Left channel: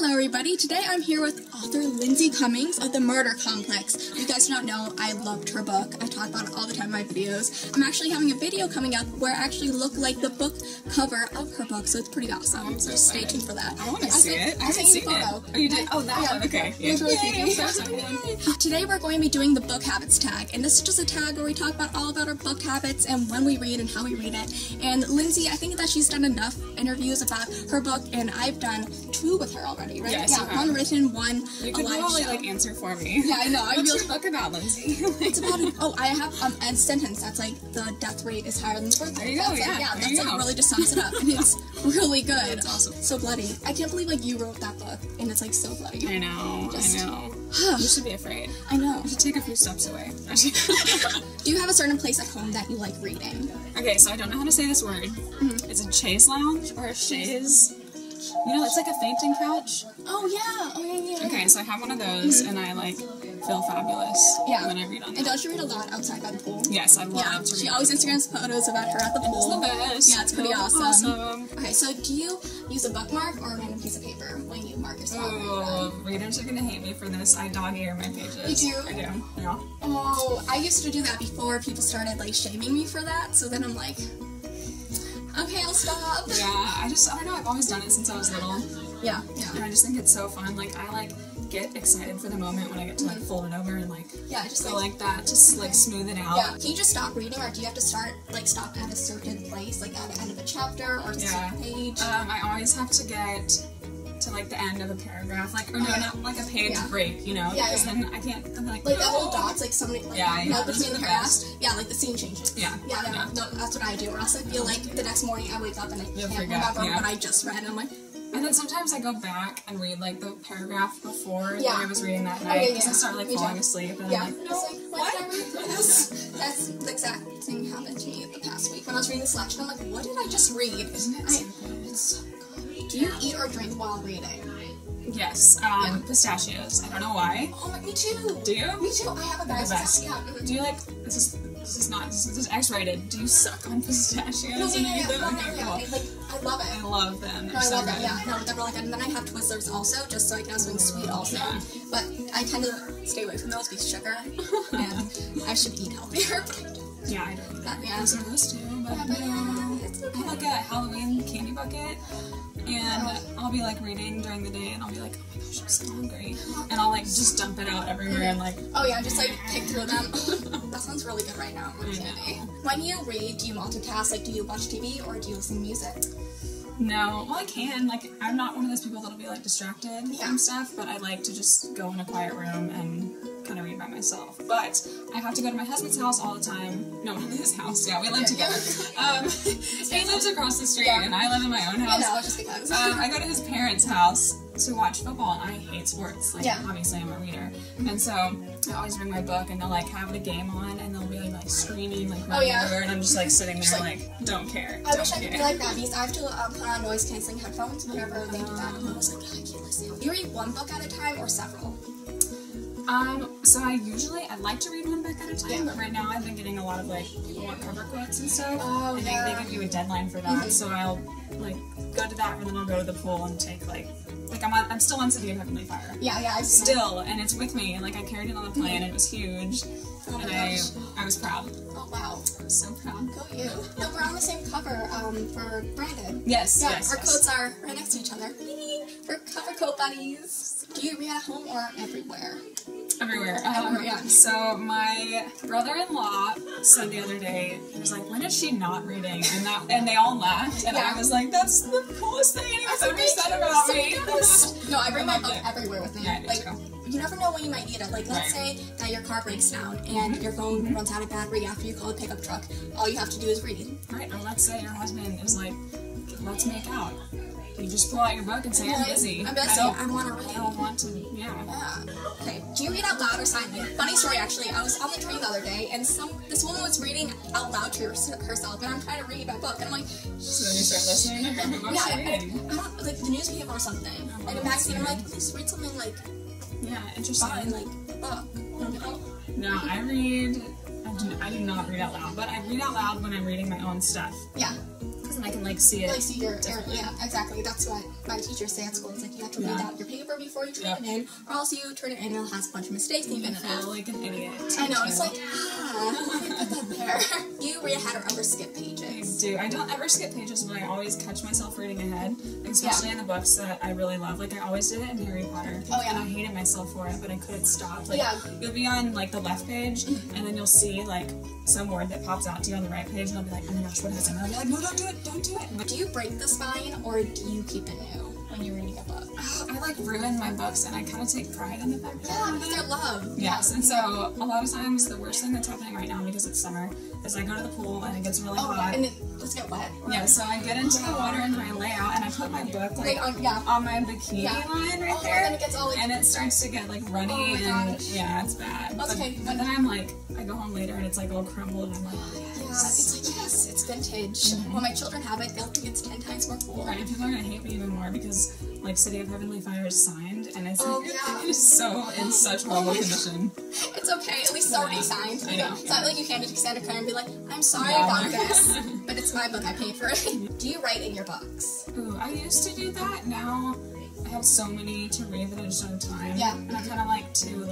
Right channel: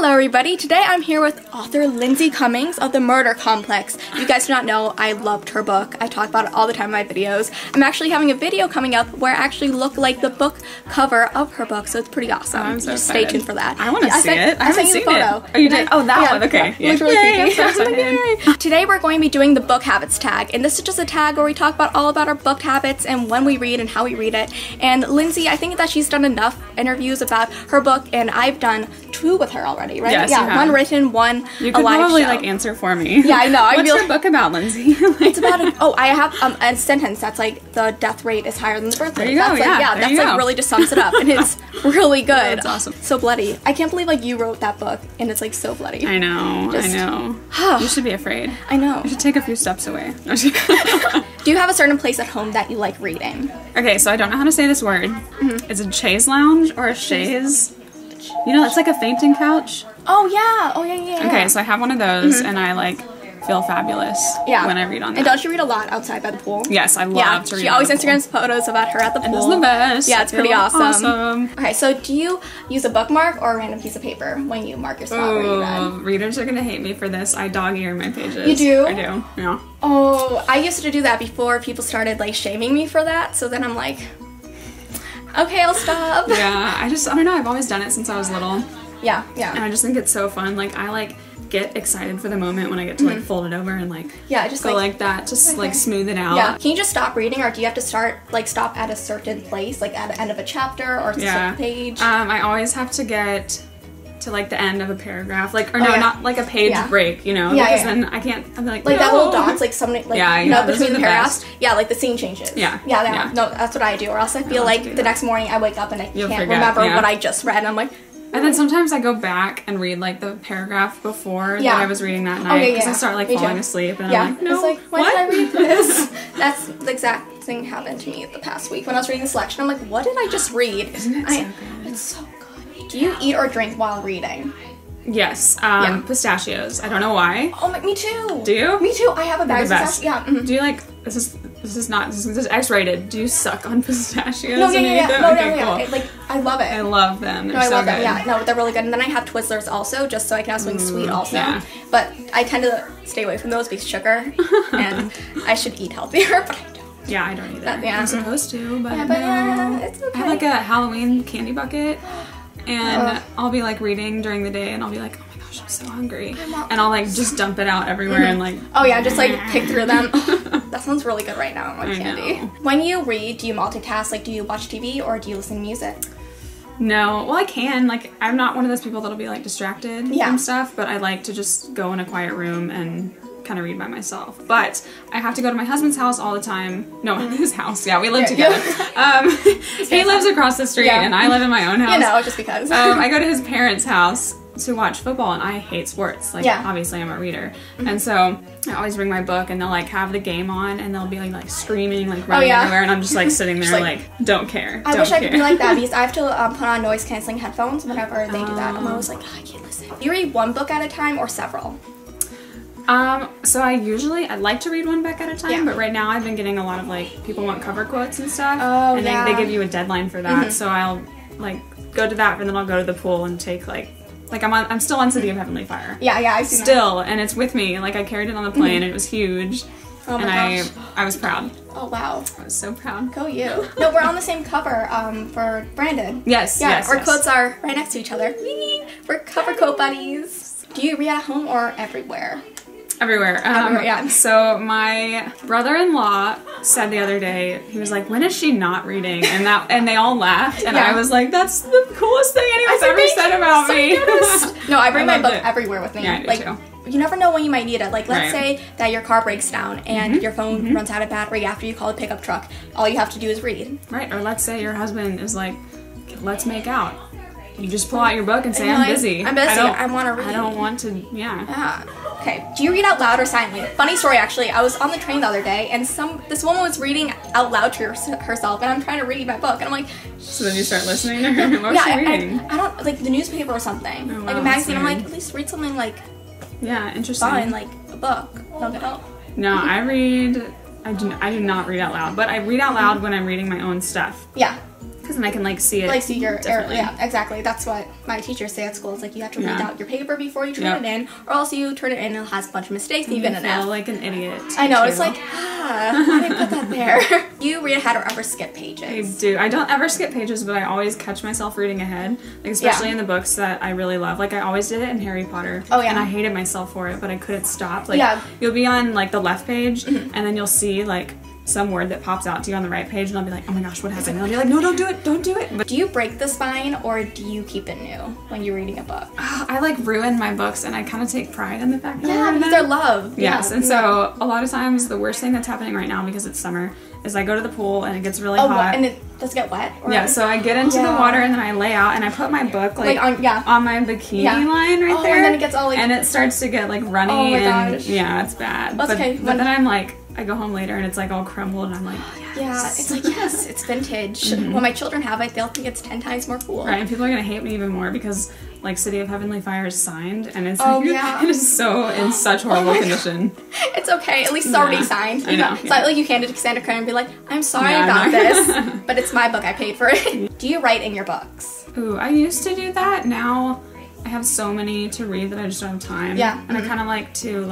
Hello everybody, today I'm here with author Lindsay Cummings of The Murder Complex. If you guys do not know, I loved her book. I talk about it all the time in my videos. I'm actually having a video coming up where I actually look like the book cover of her book, so it's pretty awesome. I'm so Just excited. stay tuned for that. I want to see it. I sent you the photo. It. Oh, you did? Oh, that one. Okay. Yeah. Really creepy. Today we're going to be doing the book habits tag, and this is just a tag where we talk about all about our book habits and when we read and how we read it. And Lindsay, I think that she's done enough interviews about her book, and I've done 2 with her already, right? Yes, yeah, one written, one you a could live probably show. Like answer for me. Yeah, I know. What's your book about, Lindsay? It's about I have a sentence that's like the death rate is higher than the birth rate. There you go. That's like really just sums it up, and it's really good. That's awesome. So bloody. I can't believe like you wrote that book, and it's like so bloody. I know. I know. You should be afraid. I know. You should take a few steps away. Do you have a certain place at home that you like reading? Okay, so I don't know how to say this word. Is it chaise lounge or a chaise? You know, it's like a fainting couch. Oh yeah. Oh yeah. Okay, so I have one of those, and I like feel fabulous when I read on that. And don't you read a lot outside by the pool? Yes, I love to read. She always Instagrams photos about her at the pool. It's the best. Yeah, it's pretty awesome. Okay, so do you use a bookmark or a random piece of paper when you mark your spot where you read? Readers are gonna hate me for this. I dog-ear my pages. You do? I do, yeah. Oh, I used to do that before people started like shaming me for that, so then I'm like, okay, I'll stop. Yeah, I don't know, I've always done it since I was little. Yeah. And I just think it's so fun. Like, I get excited for the moment when I get to like fold it over and like just go like that, just like smooth it out. Yeah. Can you just stop reading, or do you have to stop at a certain place, like at the end of a chapter or a certain page? I always have to get to like the end of a paragraph, not like a page break, you know, because then I can't. I'm like that little dots, like something like between the paragraphs. Yeah, like the scene changes. Yeah. No, that's what I do, or else I feel like the next morning I wake up and I can't remember what I just read, and I'm like. And then sometimes I go back and read like the paragraph before that I was reading that night because I start like falling asleep and I'm like, no, it's like, why did I read this? That's the exact thing happened to me the past week when I was reading the selection. I'm like, what did I just read? Isn't it so good? It's so good. Do you eat or drink while reading? Yes, pistachios. I don't know why. Oh, me too. Do you? Me too. I have a bag of pistachios. Yeah. Do you like? This is X-rated. Do you suck on pistachios? No, Cool. Like I love it. I love them. They're I so love good. them. Yeah, no, they're really good. And then I have Twizzlers also, just so I can have something sweet also. Yeah. But I tend to stay away from those because sugar, and I should eat healthier, but I don't. Yeah, I don't either. I'm supposed to, but it's okay. I have like a Halloween candy bucket. And I'll be like reading during the day and I'll be like, oh my gosh, I'm so hungry. And I'll like just dump it out everywhere and like... Oh yeah, just like pick through them. That sounds really good right now, like candy. When you read, do you multitask? Like, do you watch TV or do you listen to music? No, well I can. Like, I'm not one of those people that'll be like distracted from stuff, but I like to just go in a quiet room and kind of read by myself. But I have to go to my husband's house all the time. No, his house. Yeah, we live together. He lives across the street and I live in my own house. You know, just because. I go to his parents' house to watch football and I hate sports. Like, obviously I'm a reader. And so I always bring my book and they'll like have the game on and they'll be like screaming, like running everywhere and I'm just like sitting there like don't care. I wish I could be like that because I have to put on noise cancelling headphones whenever they do that. I'm always like, oh, I can't listen. Do you read one book at a time or several? So I like to read one book at a time, but right now I've been getting a lot of like, people want cover quotes and stuff, and they give you a deadline for that, so I'll like go to that, and then I'll go to the pool and take like I'm still on City of Heavenly Fire. Yeah, I see still, that. And it's with me, like I carried it on the plane, and it was huge, and I was proud. Oh wow. I was so proud. Go you. No, we're on the same cover, for Brandon. Yes, our quotes are right next to each other. We're cover quote buddies. Do you read at home or everywhere? Everywhere. So my brother-in-law said the other day, he was like, when is she not reading? And they all laughed, and I was like, that's the coolest thing anyone's ever said about me. No, I bring my book everywhere with me. Yeah, I do too. You never know when you might need it. Like, let's say that your car breaks down and your phone runs out of battery after you call a pickup truck. All you have to do is read. Right, or let's say your husband is like, let's make out. You just pull out your book and say, I'm busy. I'm busy. I want to read. I don't want to, Okay. Do you read out loud or silently? Funny story, actually. I was on the train the other day, and this woman was reading out loud to herself, and I'm trying to read my book, and I'm like... So then you start listening to her? What was she reading? I don't... Like, the newspaper or something. Oh, wow, like a magazine. I'm like, at least read something, like... Yeah, interesting. Fun, like a book. No, I read... I do not read out loud, but I read out loud when I'm reading my own stuff. Yeah. because then I can like see it. Like see your error. Yeah, exactly. That's what my teachers say at school. It's like you have to read out your paper before you turn it in, or else you turn it in and it has a bunch of mistakes and you get an F. Like an idiot. I know. It's like, why did I put that there? You read ahead or ever skip pages? I do. I don't ever skip pages, but I always catch myself reading ahead, like, especially in the books that I really love. Like I always did it in Harry Potter. Oh yeah. And I hated myself for it, but I couldn't stop. Like you'll be on like the left page, and then you'll see like some word that pops out to you on the right page, and I'll be like, oh my gosh, what happened? And I'll be like, no, don't do it, don't do it. But do you break the spine, or do you keep it new when you're reading a book? I like ruin my books, and I kind of take pride in the fact that because they're love. Yes, and so a lot of times the worst thing that's happening right now, because it's summer, is I go to the pool and it gets really hot. And does it get wet? Or? Yeah, so I get into the water and then I lay out and I put my book on my bikini line right there. And then it gets all like... And it starts to get like runny. Oh my gosh. Yeah, it's bad. That's okay. But then I'm like, I go home later and it's like all crumbled and I'm like, it's like, yes, it's vintage. When my children have it, they'll think it's 10 times more cool. Right, and people are going to hate me even more because like City of Heavenly Fire is signed and it's it is so in such horrible condition. It's okay, at least it's already signed. I know. It's not like you hand it to Cassandra Clare and be like, I'm sorry about this, but it's my book, I paid for it. Do you write in your books? Ooh, I used to do that. Now I have so many to read that I just don't have time. Yeah. And I kind of like to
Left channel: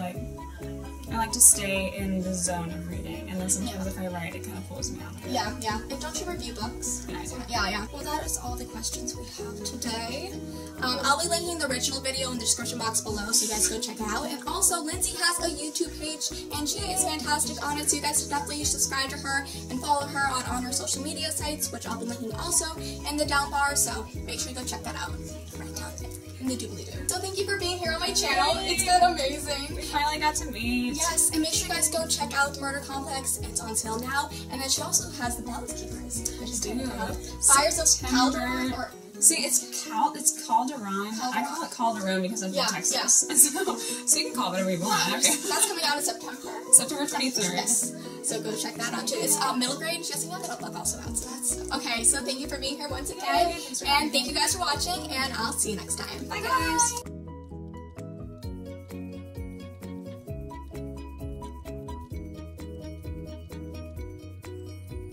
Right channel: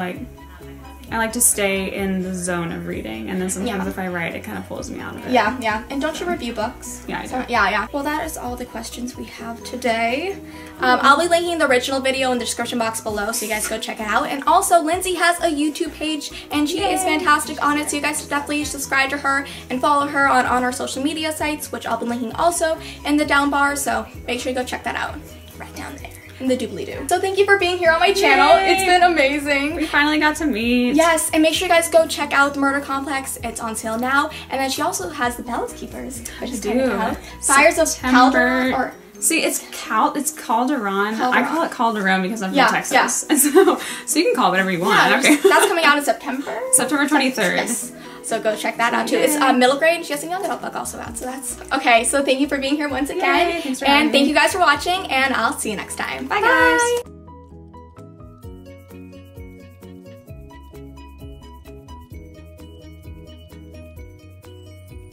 I like to stay in the zone of reading, and then sometimes if I write, it kind of pulls me out of it. Yeah, yeah. And don't you review books? Yeah, I do. So, yeah. Well, that is all the questions we have today. I'll be linking the original video in the description box below, so you guys go check it out. And also, Lindsay has a YouTube page, and she is fantastic on it, so you guys should definitely subscribe to her and follow her on our social media sites, which I'll be linking also in the down bar, so make sure you go check that out. Right down there. In the doobly-doo. So thank you for being here on my channel. Yay. It's been amazing. We finally got to meet. Yes, and make sure you guys go check out the Murder Complex. It's on sale now. And then she also has the Palace Keepers, which is kind of Fires of Calderon, or see, it's Calderon. I call it Calderon because I'm from Texas. Yeah. So you can call it whatever you want. Yeah, okay. That's coming out in September. September 23rd. Yes. So go check that out too. It's middle grade. She has a young adult book also out. So that's okay. So thank you for being here once again. Yay, and thank you guys for watching. And I'll see you next time. Bye guys.